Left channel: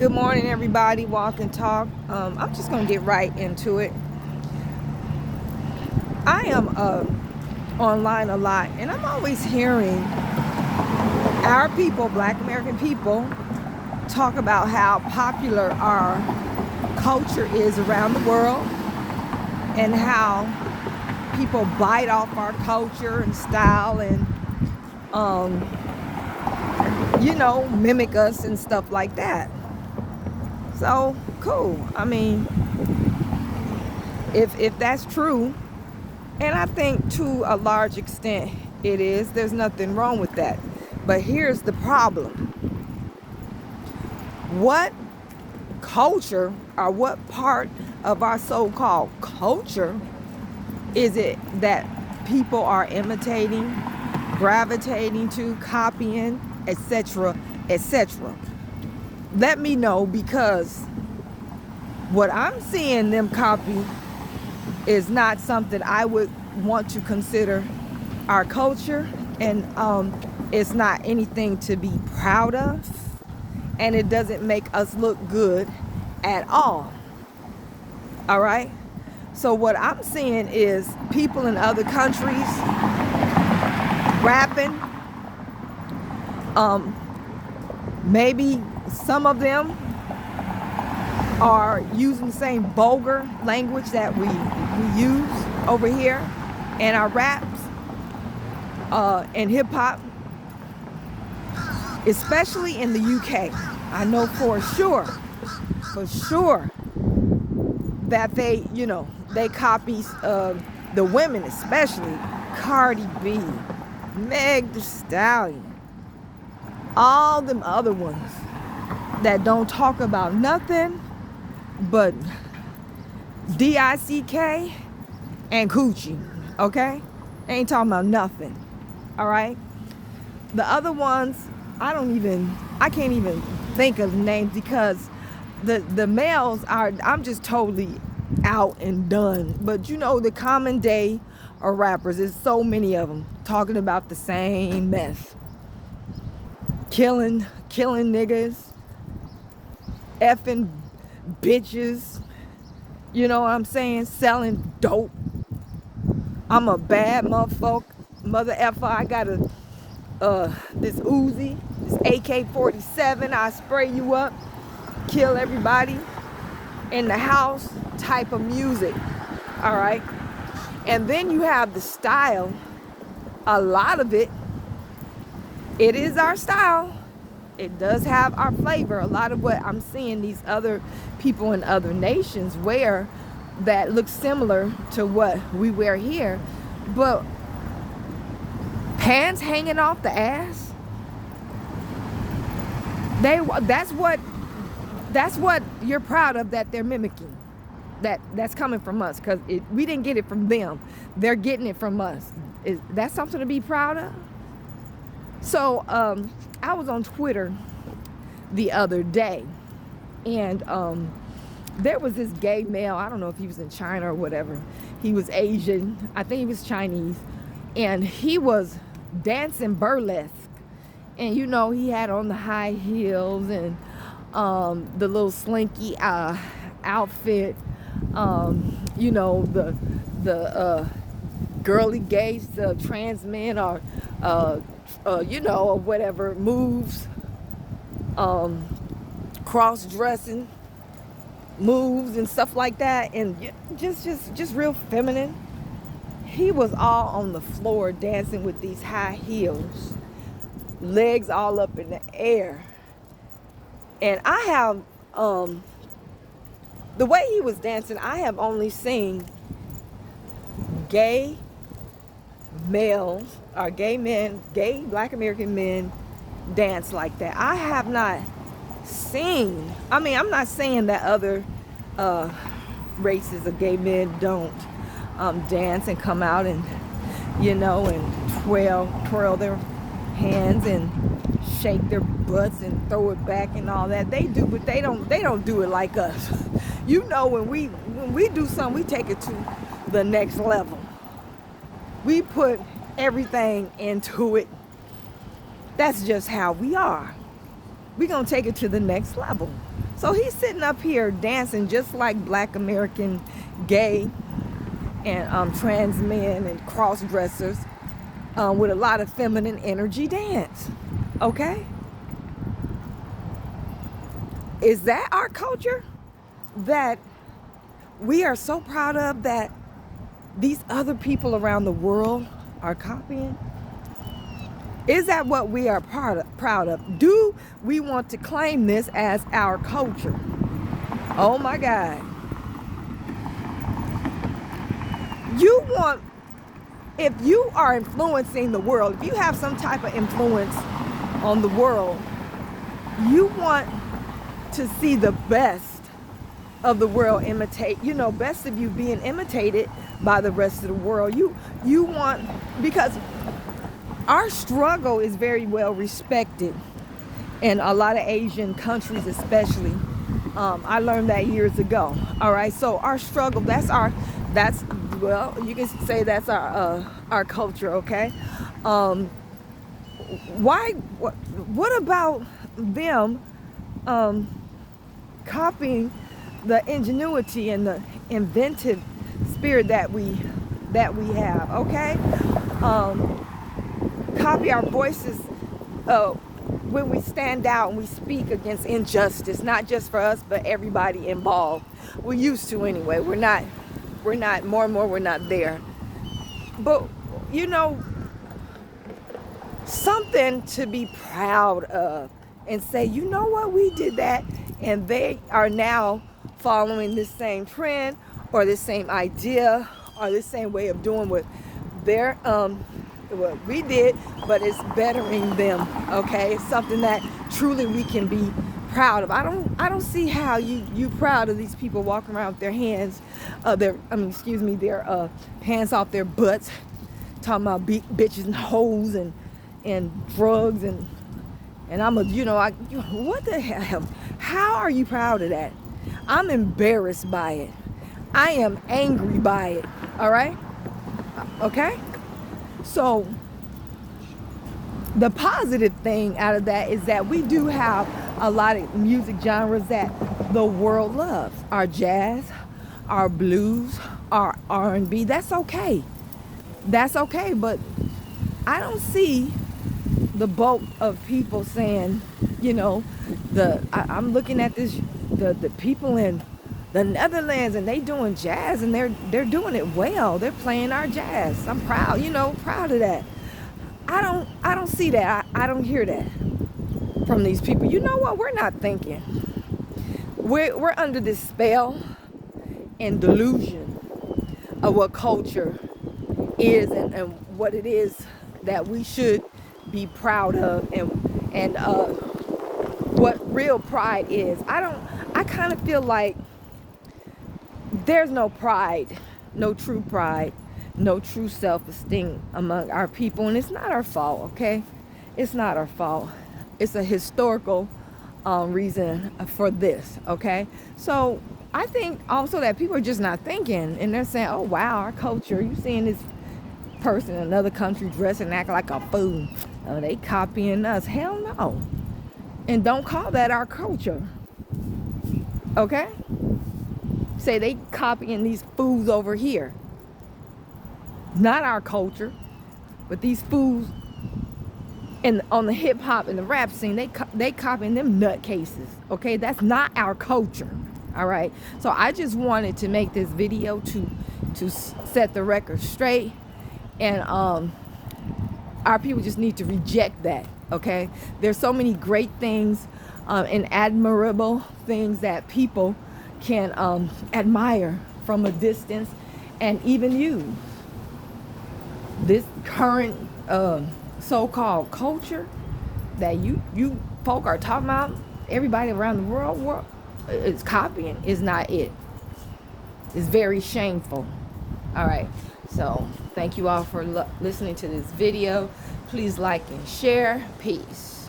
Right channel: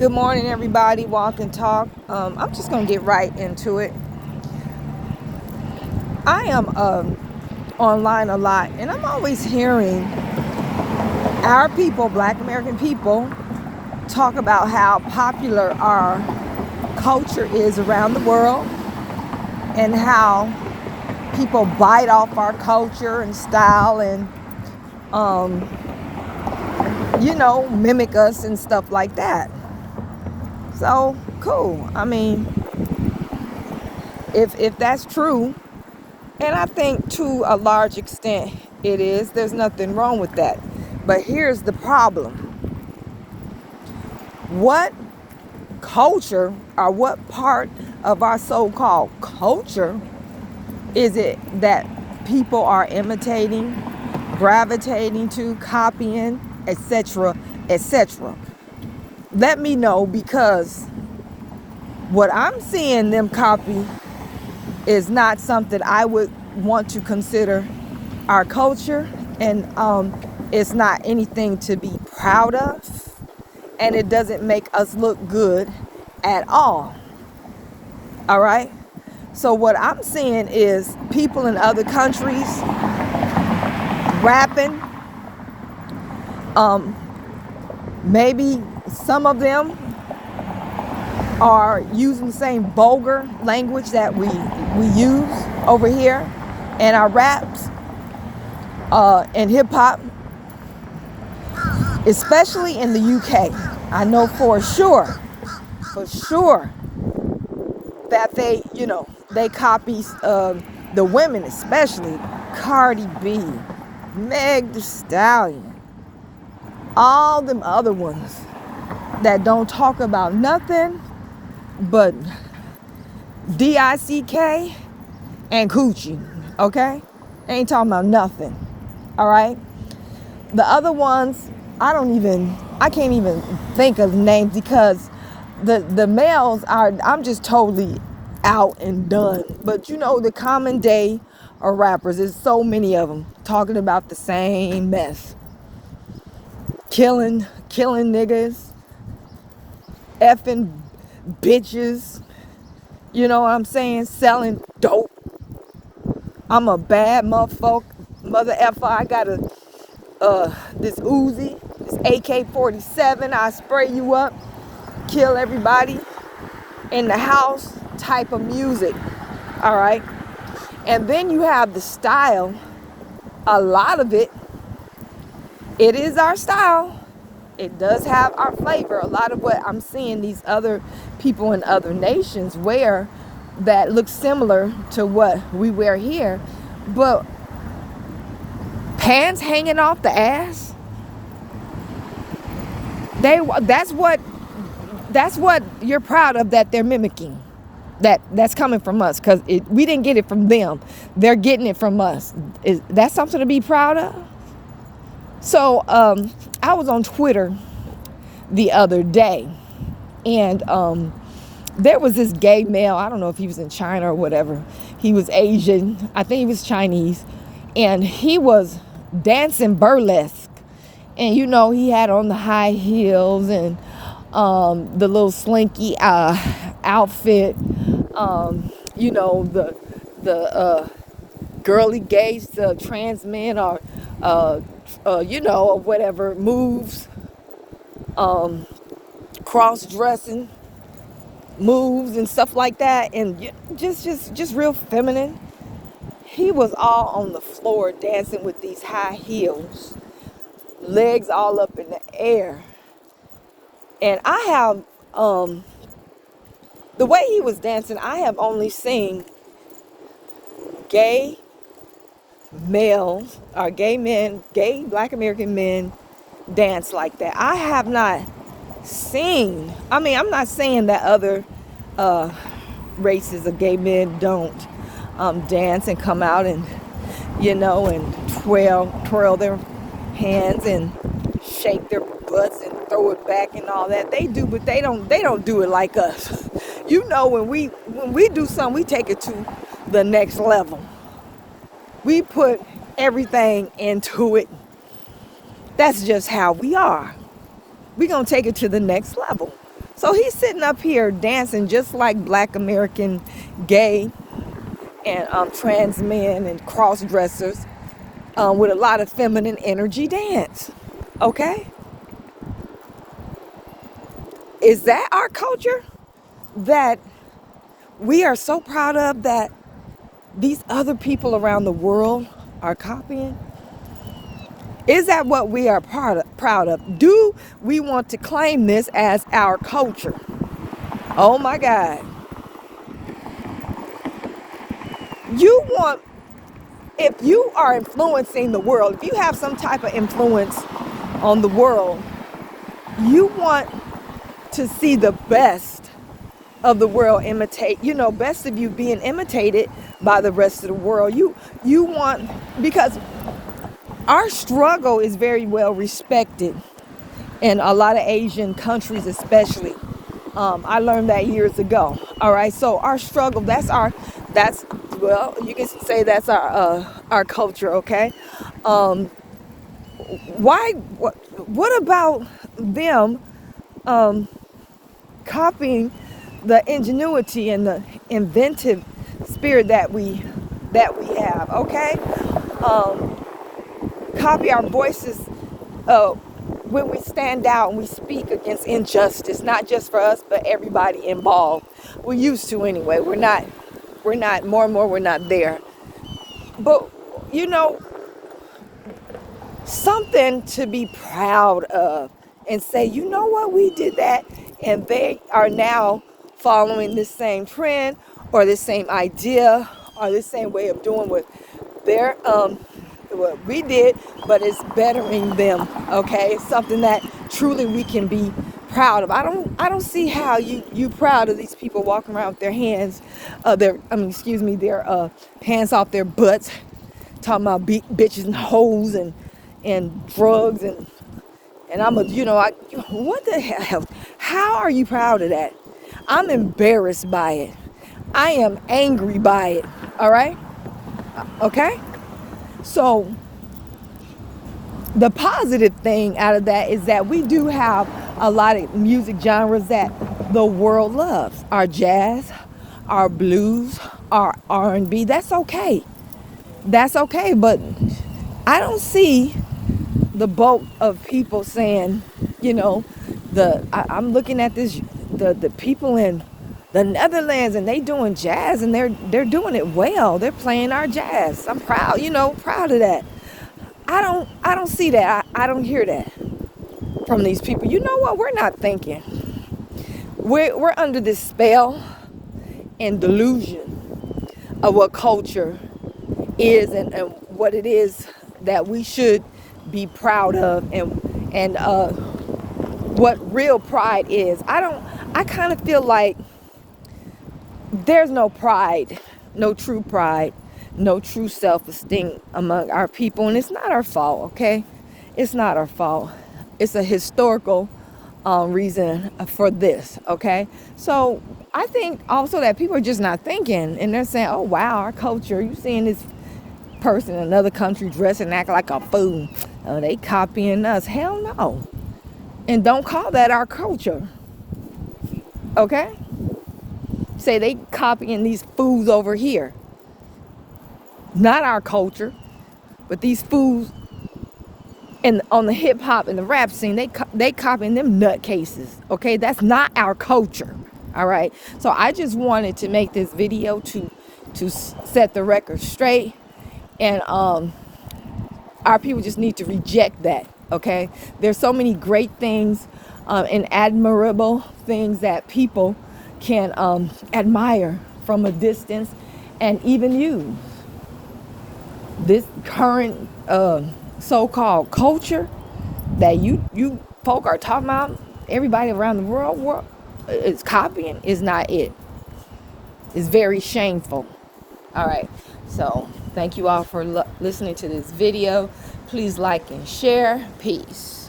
Good morning, everybody. Walk and talk. I'm just gonna get right into it. I am online a lot, and I'm always hearing our people, Black American people, talk about how popular our culture is around the world, and how people bite off our culture and style, and mimic us and stuff like that. So cool. I mean, if that's true. And I think to a large extent it is. There's nothing wrong with that. But here's the problem. What culture, or what part of our so-called culture is it that people are imitating, gravitating to, copying, etc., etc.? Let me know, because what I'm seeing them copy is not something I would want to consider our culture, and it's not anything to be proud of, and it doesn't make us look good at all. All right, so what I'm seeing is people in other countries rapping. Maybe some of them are using the same vulgar language that we use over here in our raps and hip-hop, especially in the UK. I know for sure that they copy the women, especially Cardi B, Meg Thee Stallion, all them other ones that don't talk about nothing but DICK and coochie, okay? Ain't talking about nothing, all right? The other ones, I can't even think of names, because the males I'm just totally out and done. But the common day of rappers, there's so many of them talking about the same mess. Killing niggas, effing bitches, you know what I'm saying? Selling dope. I'm a bad mother effer. I got this Uzi, this AK-47. I spray you up, kill everybody in the house type of music. All right. And then you have the style. A lot of it is our style. It does have our flavor. A lot of what I'm seeing these other people in other nations wear that looks similar to what we wear here. But pants hanging off the ass, that's what you're proud of, that they're mimicking. That's coming from us, because we didn't get it from them. They're getting it from us. Is that something to be proud of? So I was on Twitter the other day, and there was this gay male. I don't know if he was in China or whatever. He was Asian. I think he was Chinese. And he was dancing burlesque. And he had on the high heels and the little slinky outfit. The girly gays, the trans men, or or whatever moves, cross-dressing moves and stuff like that, and just real feminine. He was all on the floor dancing with these high heels, legs all up in the air. And I have the way he was dancing, I have only seen gay males, or gay men, gay Black American men dance like that. I have not seen, I'm not saying that other races of gay men don't dance and come out and and twirl their hands and shake their butts and throw it back and all that. They do, but they don't do it like us. When we do something, we take it to the next level. We put everything into it. That's just how we are. We're gonna take it to the next level. So he's sitting up here dancing just like Black American gay and trans men and cross dressers with a lot of feminine energy dance. Okay? Is that our culture that we are so proud of that these other people around the world are copying? Is that what we are proud of? Do we want to claim this as our culture? Oh my God. You want, if you are influencing the world, if you have some type of influence on the world, you want to see the best of the world imitate, best of you being imitated by the rest of the world. You want, because our struggle is very well respected in a lot of Asian countries, especially. I learned that years ago. All right, so our struggle, well, you can say that's our culture. Okay, what about them copying the ingenuity and the inventive spirit that we have? Okay, copy our voices when we stand out and we speak against injustice, not just for us but everybody involved. We're used to anyway. We're not more and more, we're not there. But something to be proud of and say, you know what, we did that, and they are now following this same trend or this same idea or this same way of doing what they're what we did, but it's bettering them. Okay, it's something that truly we can be proud of. I don't see how you proud of these people walking around with their hands, their pants off their butts, talking about bitches and hoes and drugs and what the hell? How are you proud of that? I'm embarrassed by it. I am angry by it. All right? Okay? So the positive thing out of that is that we do have a lot of music genres that the world loves. Our jazz, our blues, our R&B. That's okay. That's okay, but I don't see the bulk of people saying, I'm looking at the people in the Netherlands, and they doing jazz, and they're doing it well. They're playing our jazz. I'm proud, proud of that. I don't see that. I don't hear that from these people. You know what? We're not thinking. We're under this spell and delusion of what culture is and what it is that we should be proud of and what real pride is. I kind of feel like there's no pride, no true pride, no true self-esteem among our people, and it's not our fault. Okay, it's not our fault. It's a historical reason for this. Okay, so I think also that people are just not thinking, and they're saying, oh wow, our culture, you seeing this person in another country dress and act like a fool, they copying us. Hell no. And don't call that our culture. Okay, say they copying these fools over here, not our culture, but these fools and on the hip hop and the rap scene, they copying them nutcases. Okay, that's not our culture. All right, so I just wanted to make this video to set the record straight, and our people just need to reject that. Okay, there's so many great things and admirable things that people can admire from a distance and even use. This current so-called culture that you folk are talking about, everybody around the world is copying, is not it. It's very shameful. All right, so thank you all for listening to this video. Please like and share. Peace.